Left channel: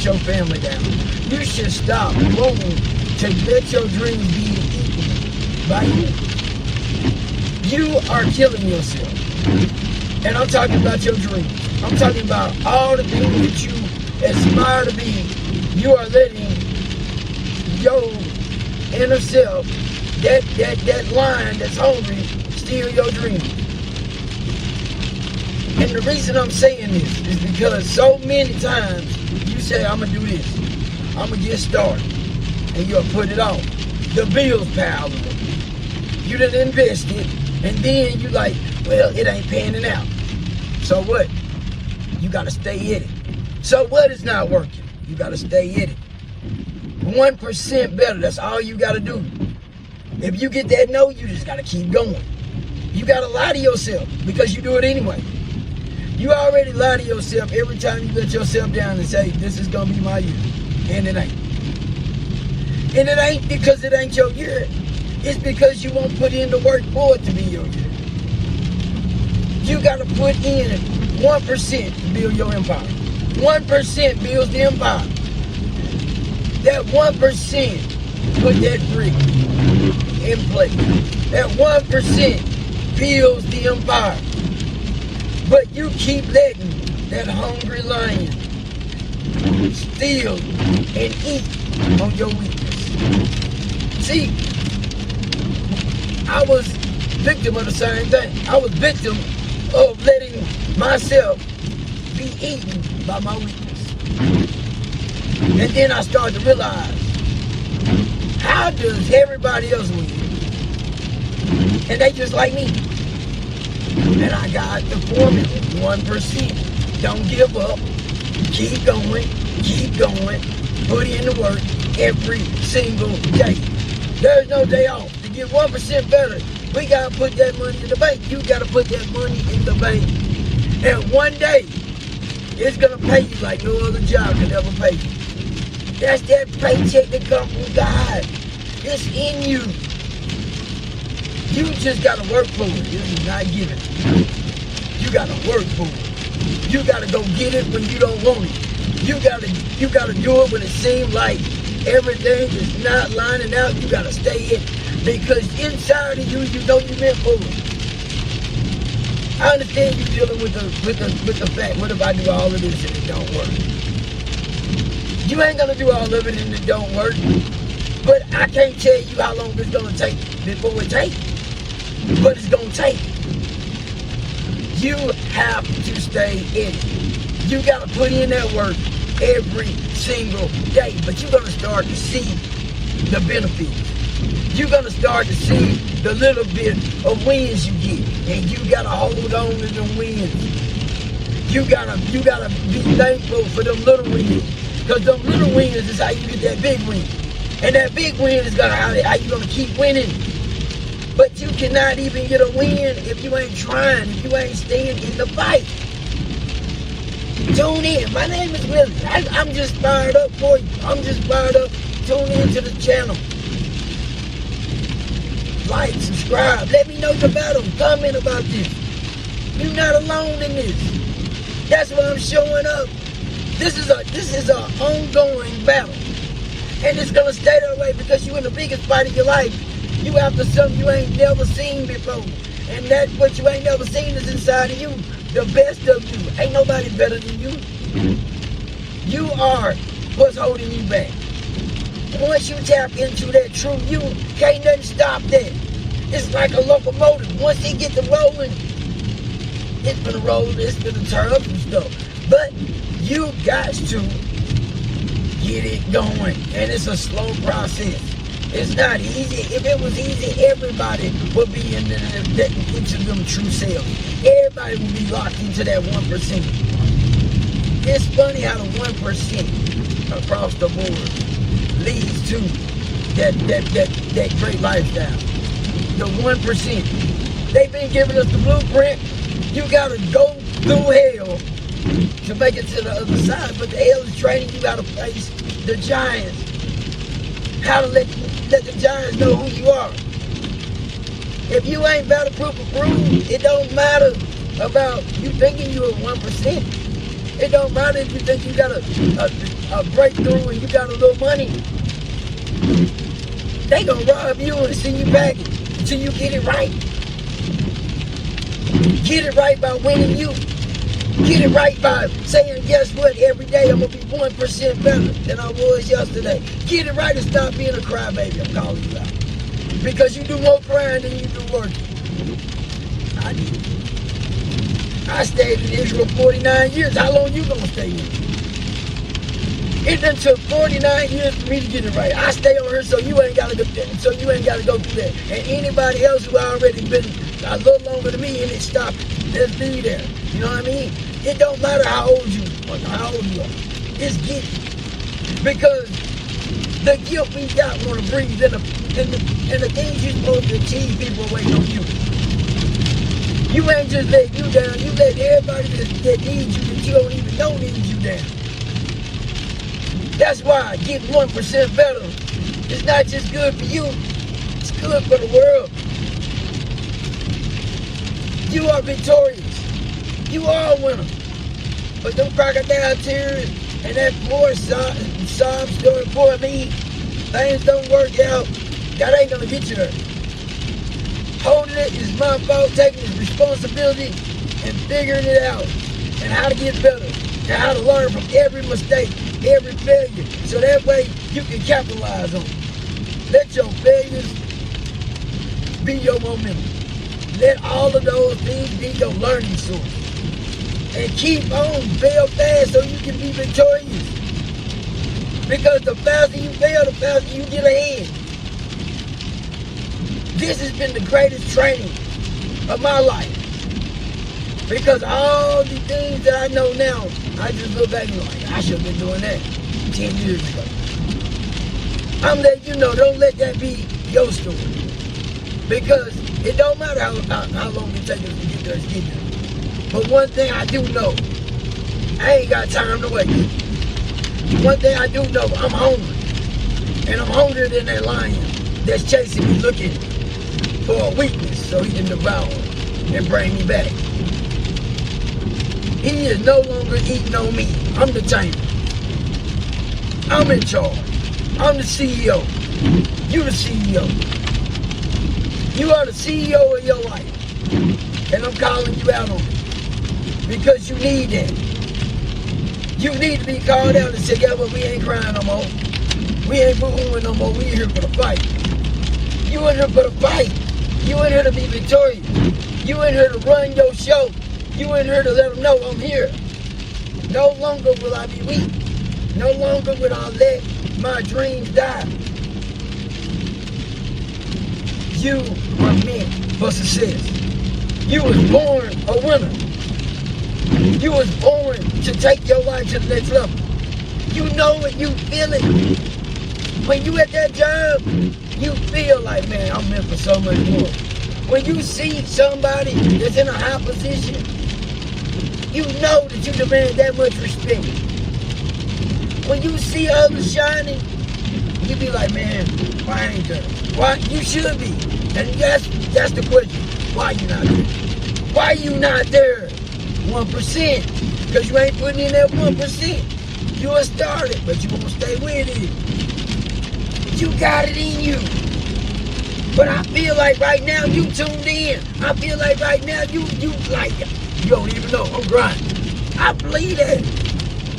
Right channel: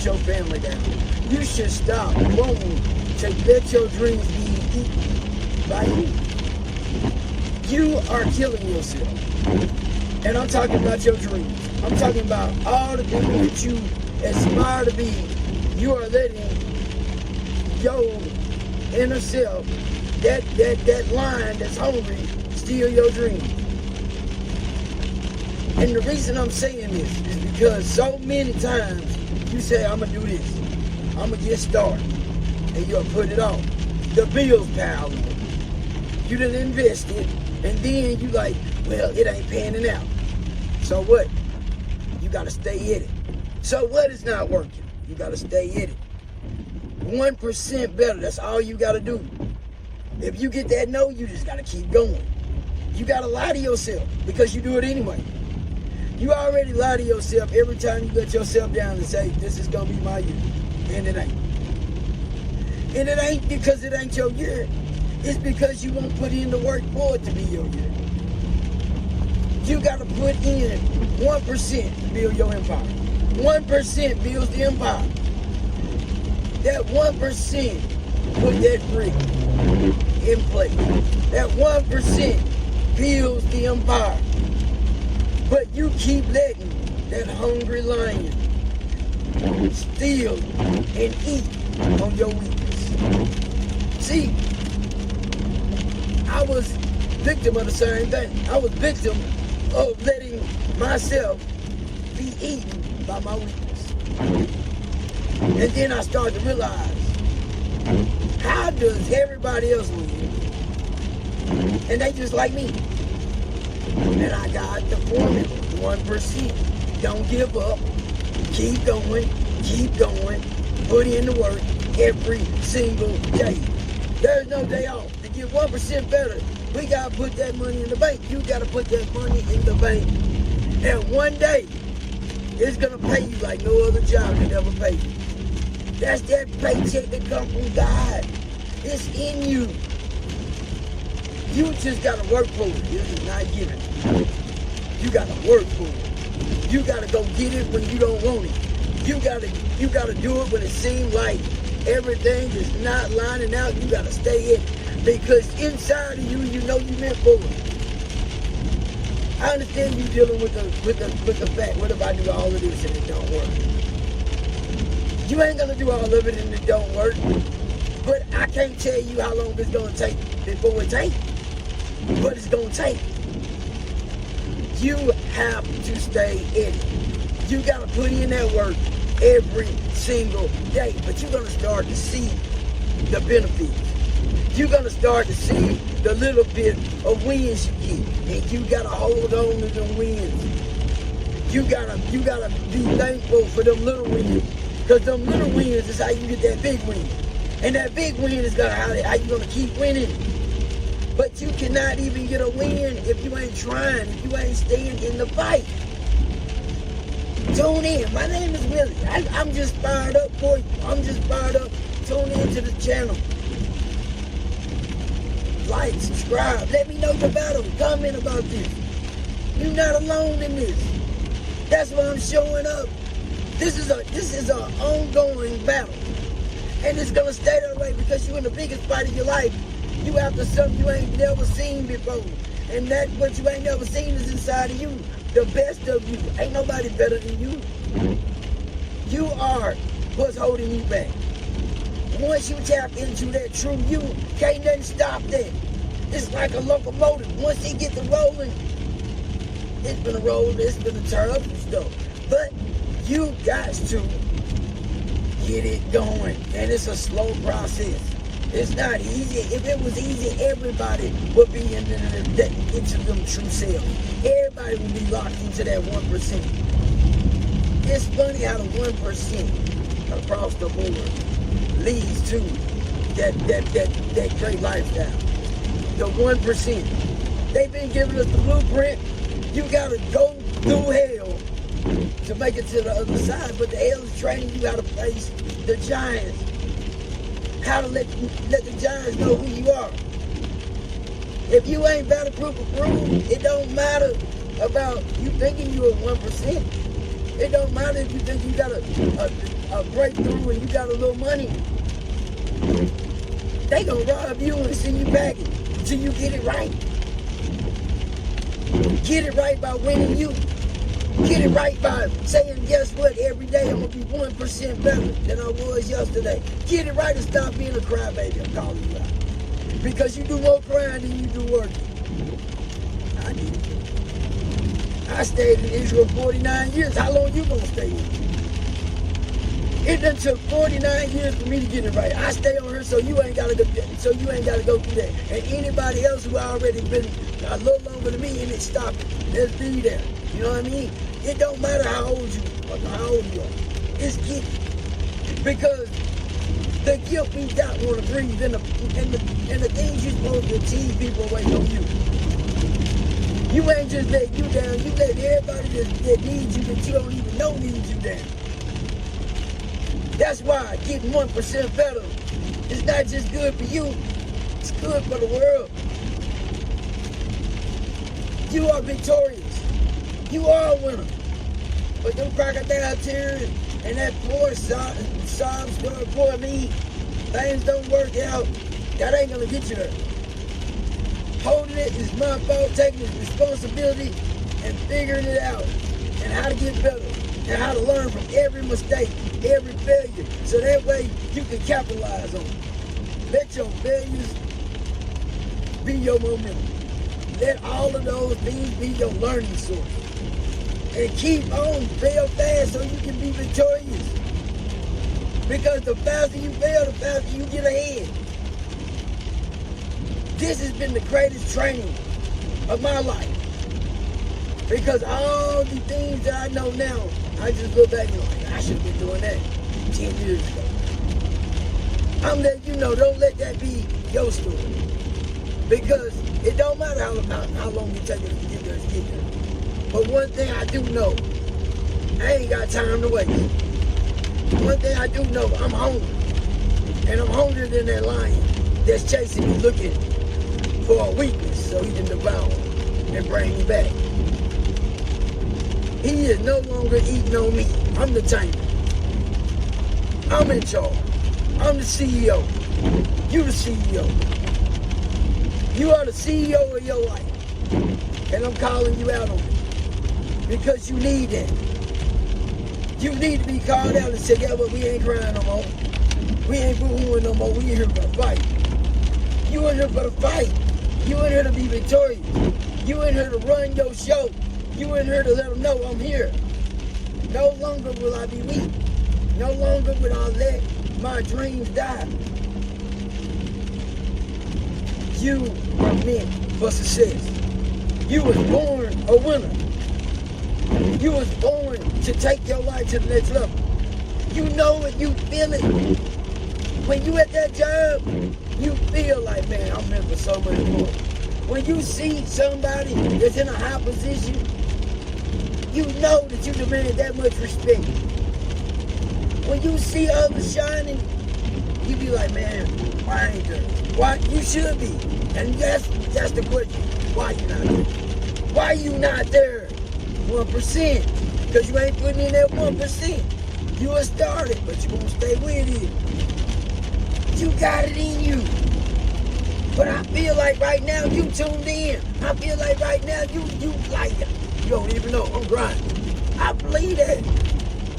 put your family down. You should stop wanting to let your dreams be eaten by you. You are killing yourself. And I'm talking about your dreams. I'm talking about all the things that you aspire to be. You are letting your inner self, that lion that's hungry, steal your dreams. And the reason I'm saying this is because so many times you say, I'm going to do this. I'm going to get started. And you'll put it off. The bills pile up. You done invested. And then you like, well, it ain't panning out. So what? You got to stay in it. So what is not working? You got to stay in it. 1% better. That's all you got to do. If you get that no, you just got to keep going. You got to lie to yourself because you do it anyway. You already lie to yourself every time you let yourself down and say, this is going to be my year. And it ain't. And it ain't because it ain't your year. It's because you won't put in the work for it to be your year. You got to put in 1% to build your empire. 1% builds the empire. That 1% put that brick in place. That 1% builds the empire. But you keep letting that hungry lion steal and eat on your weakness. See, I was victim of the same thing. I was victim of letting myself be eaten by my weakness. And then I started to realize, how does everybody else win? And they just like me. And I got the formula, 1%. Don't give up. Keep going. Keep going. Put in the work every single day. There's no day off. To get 1% better, we got to put that money in the bank. You got to put that money in the bank. And one day, it's going to pay you like no other job could ever pay you. That's that paycheck that comes from God. It's in you. You just got to work for it. You're not give it. You got to work for it. You got to go get it when you don't want it. You got to do it when it seems like everything is not lining out. You got to stay in it. Because inside of you, you know you meant for it. I understand you dealing with the fact, what if I do all of this and it don't work? You ain't going to do all of it and it don't work. But I can't tell you how long it's going to take before it takes. But it's going to take. You have to stay in it. You got to put in that work every single day. But you're going to start to see the benefits. You're going to start to see the little bit of wins you get. And you got to hold on to them wins. You gotta be thankful for them little wins. Because them little wins is how you get that big win. And that big win is how you're going to keep winning. But you cannot even get a win if you ain't trying, if you ain't staying in the fight. Tune in. My name is Willie. I'm just fired up for you. I'm just fired up. Tune in to the channel. Like, subscribe. Let me know about them. Comment about this. You're not alone in this. That's why I'm showing up. This is an ongoing battle. And it's going to stay that way because you're in the biggest fight of your life. You after something you ain't never seen before. And that what you ain't never seen is inside of you. The best of you. Ain't nobody better than you. You are what's holding you back. Once you tap into that true you, can't nothing stop that. It's like a locomotive. Once it gets to rolling, it's gonna roll, it's gonna turn up and stuff. But you got to get it going. And it's a slow process. It's not easy. If it was easy, everybody would be in each of them true selves. Everybody would be locked into that 1%. It's funny how the 1% across the board leads to that great lifestyle. The 1%. They've been giving us the blueprint. You gotta go through hell to make it to the other side. But the hell is training. You gotta face the giants. How to let the giants know who you are. If you ain't battle-proof approved, it don't matter about you thinking you're 1%. It don't matter if you think you got a a breakthrough and you got a little money, they gonna rob you and send you back until you get it right. Get it right by winning you. Get it right by saying, guess what, every day I'm going to be 1% better than I was yesterday. Get it right and stop being a crybaby, I'm calling you out. Because you do more crying than you do working. I stayed in Israel 49 years. How long you going to stay in? It done took 49 years for me to get it right. I stay on here so you ain't got to go through that. And anybody else who already been a little longer than me and it stopped, let's be there. You know what I mean? It don't matter how old you are. It's guilt. Because the guilt we got want to breathe and the things you're supposed to achieve, people are waiting on you. You ain't just letting you down. You let everybody that needs you that you don't even know needs you down. That's why getting 1% better is not just good for you. It's good for the world. You are victorious. You are a winner. But them crocodile tears and that poor sob story for me, things don't work out. God ain't gonna get you there. Holding it is my fault, taking responsibility and figuring it out. And how to get better. And how to learn from every mistake, every failure. So that way you can capitalize on it. Let your failures be your momentum. Let all of those things be your learning source. And keep on, fail fast so you can be victorious. Because the faster you fail, the faster you get ahead. This has been the greatest training of my life. Because all the things that I know now, I just look back and like, I should have been doing that 10 years ago. I'm letting you know, don't let that be your story. Because it don't matter how long it takes to get there. But one thing I do know, I ain't got time to wait. One thing I do know, I'm hungry. And I'm hungrier than that lion that's chasing me, looking for a weakness so he can devour and bring me back. He is no longer eating on me. I'm the tamer. I'm in charge. I'm the CEO. You're the CEO. You are the CEO of your life. And I'm calling you out on it. Because you need that. You need to be called out and say, yeah, but we ain't crying no more. We ain't boo-hooing no more. We in here for the fight. You in here for the fight. You in here to be victorious. You in here to run your show. You in here to let them know I'm here. No longer will I be weak. No longer will I let my dreams die. You were meant for success. You was born a winner. You was born to take your life to the next level. You know it, you feel it. When you at that job, you feel like, man, I'm meant for so much more. When you see somebody that's in a high position, you know that you demand that much respect. When you see others shining, you be like, man, why ain't there? Why? You should be. And that's the question. Why you not there? Why you not there? 1%. Because you ain't putting in that 1%. You a starter, but you won't stay with it. You got it in you. But I feel like right now you tuned in. I feel like right now you like, you don't even know, I'm grinding. I believe that.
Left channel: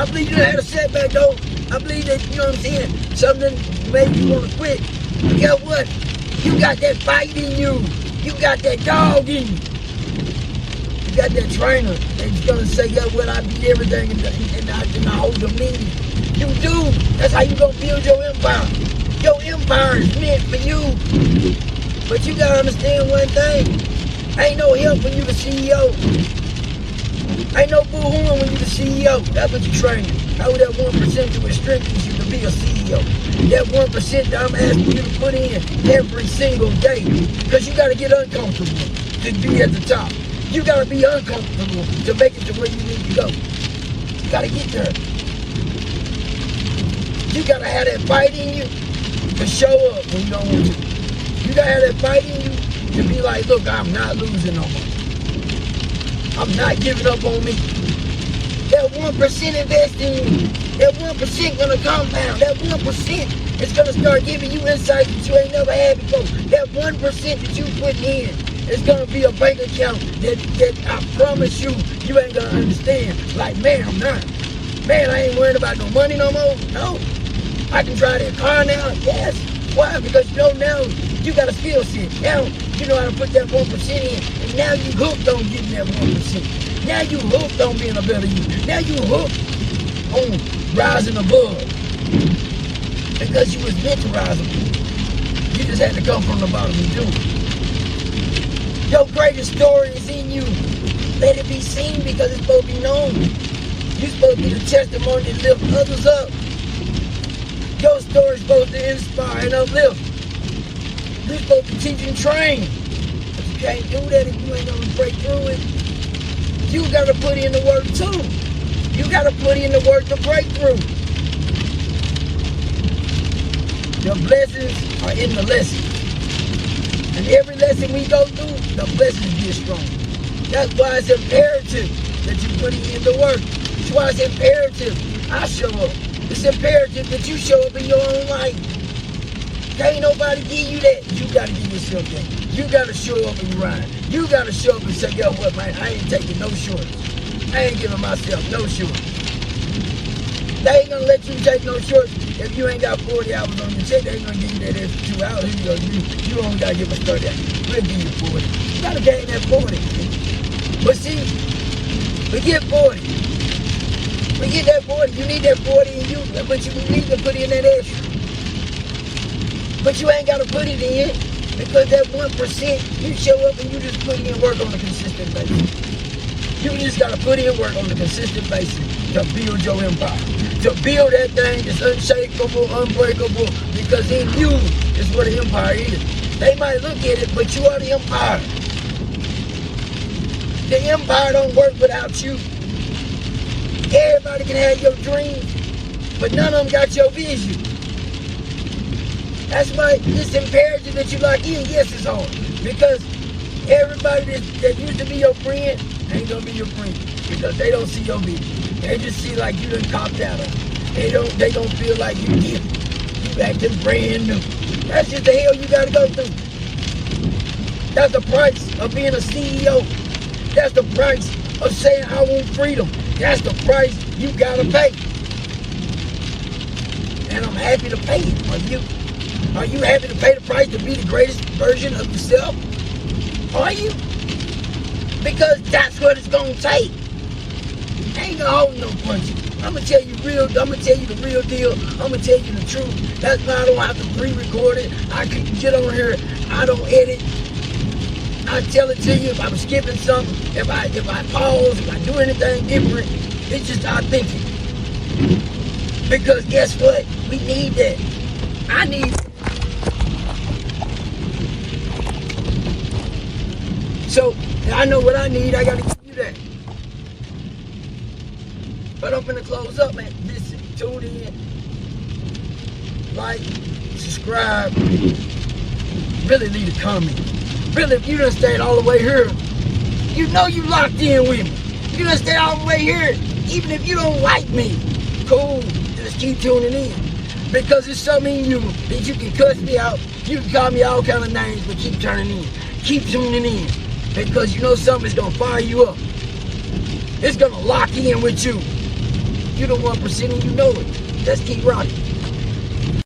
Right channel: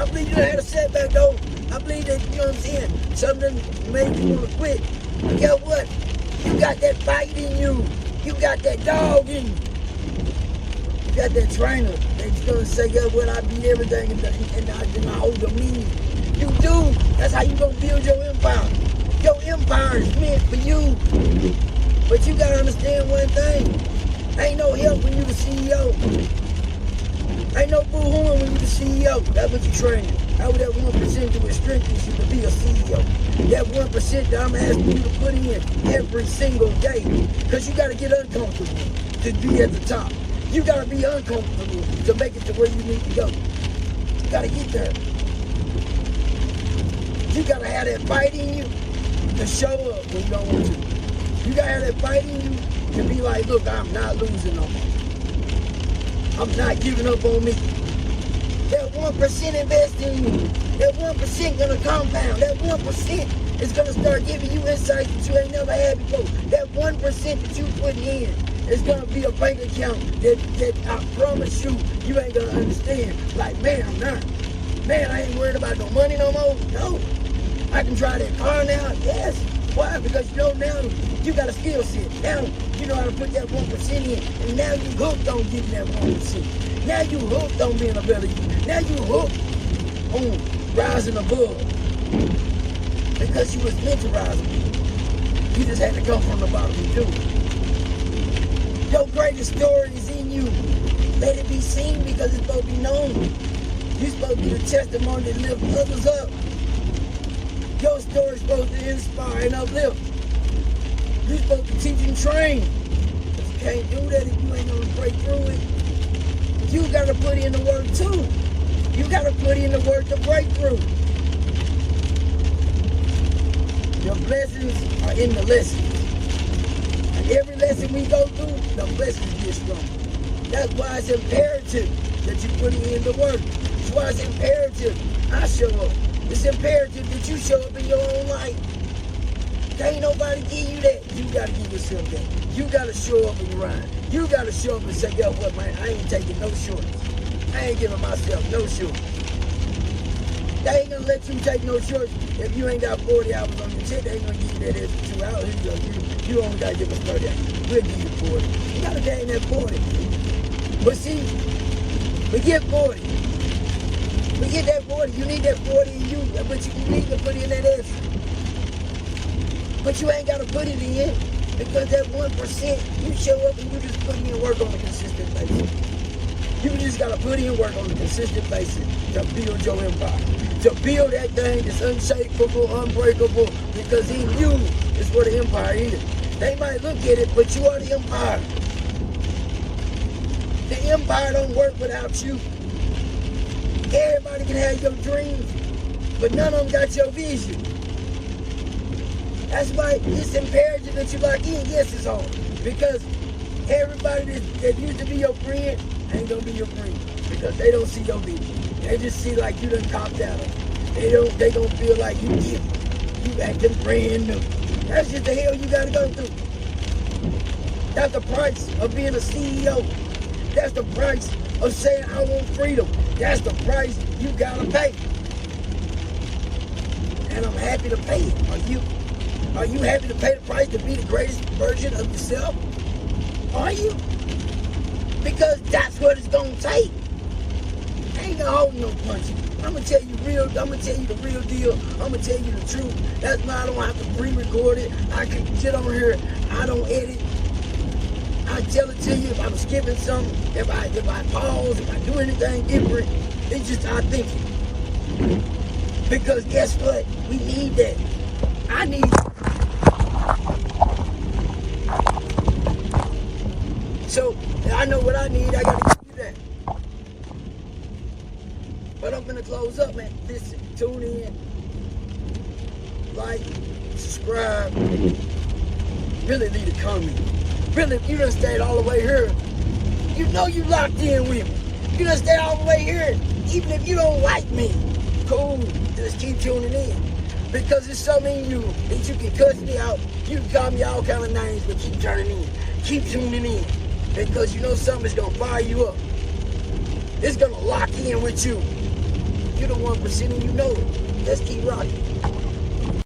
I believe you had a setback though. I believe that, you know what I'm saying, something made you want to quit. But guess what? You got that fight in you. You got that dog in you. You got that trainer that's going to say, guess what, I beat everything and I hold the mean. You do. That's how you going to build your empire. Your empire is meant for you. But you got to understand one thing. Ain't no help when you the CEO. Ain't no boo-hooing when you the CEO. That's what you train. That's what that 1% do. It strengthens you to be a CEO. That 1% that I'm asking you to put in every single day. Because you got to get uncomfortable to be at the top. You got to be uncomfortable to make it to where you need to go. You got to get there. You got to have that fight in you to show up when you don't want to. You got to have that fight in you to be like, look, I'm not losing no more. I'm not giving up on me. That 1% invest in you. That 1% gonna compound. That 1% is gonna start giving you insights that you ain't never had before. That 1% that you putting in is gonna be a bank account that I promise you, you ain't gonna understand. Like, man, I'm not. Man, I ain't worried about no money no more. No. I can drive that car now. Yes. Why? Because you know now you got a skill set. Now you know how to put that 1% in. And now you hooked on getting that 1%. Now you hooked on being a better you. Now you hooked on rising above. Because you was meant to rise above. You just had to come from the bottom and do it. Your greatest story is in you. Let it be seen because it's supposed to be known. You're supposed to be the testimony that lifts others up. Your story's supposed to inspire and uplift. You're supposed to teach and train. But you can't do that if you ain't gonna break through it. You gotta put in the work too. You gotta put in the work to break through. Your blessings are in the lessons. And every lesson we go through, the blessings get strong. That's why it's imperative that you put in the work. That's why it's imperative I show up. It's imperative that you show up in your own life. Can't nobody give you that. You gotta give yourself that. You gotta show up and grind. You gotta show up and say, yo, what, man, I ain't taking no shorts. I ain't giving myself no shorts. They ain't gonna let you take no shorts if you ain't got 40 hours on your check. They ain't gonna give you that extra 2 hours. You only gotta give us 30 hours. We'll give you 40. You gotta gain that 40. But see, we get 40. We get that 40. You need that 40 in you, but you need to put in that extra. But you ain't gotta put it in because that 1%, you show up and you just put in work on a consistent basis. You just gotta put in work on a consistent basis to build your empire. To build that thing that's unshakable, unbreakable, because in you is where the empire is. They might look at it, but you are the empire. The empire don't work without you. Everybody can have your dreams, but none of them got your vision. That's why it's imperative that you lock in. Yes, it's hard, because everybody that used to be your friend ain't gonna be your friend because they don't see your vision. They just see like you done copped out on them. They don't feel like you different. You acting brand new. That's just the hell you gotta go through. That's the price of being a CEO. That's the price of saying I want freedom. That's the price you gotta pay. And I'm happy to pay it for you. Are you happy to pay the price to be the greatest version of yourself? Are you? Because that's what it's gonna take. Ain't no holding no punches. I'm gonna tell you the real deal. I'm gonna tell you the truth. That's why I don't have to pre-record it. I can get on here. I don't edit. I tell it to you if I'm skipping something, if I pause, if I do anything different. It's just our thinking. Because guess what? We need that. I need it. So I know what I need. I gotta give you that. But I'm gonna close up, man. Listen, tune in, like, subscribe. Really leave a comment. Really, if you done stayed all the way here, you know you locked in with me. If you done stayed all the way here, even if you don't like me, cool, just keep tuning in. Because it's something in you that you can cuss me out. You can call me all kind of names, but keep turning in. Keep tuning in. Because you know something's gonna fire you up. It's gonna lock in with you. You the 1% and you know it. Let's keep rocking.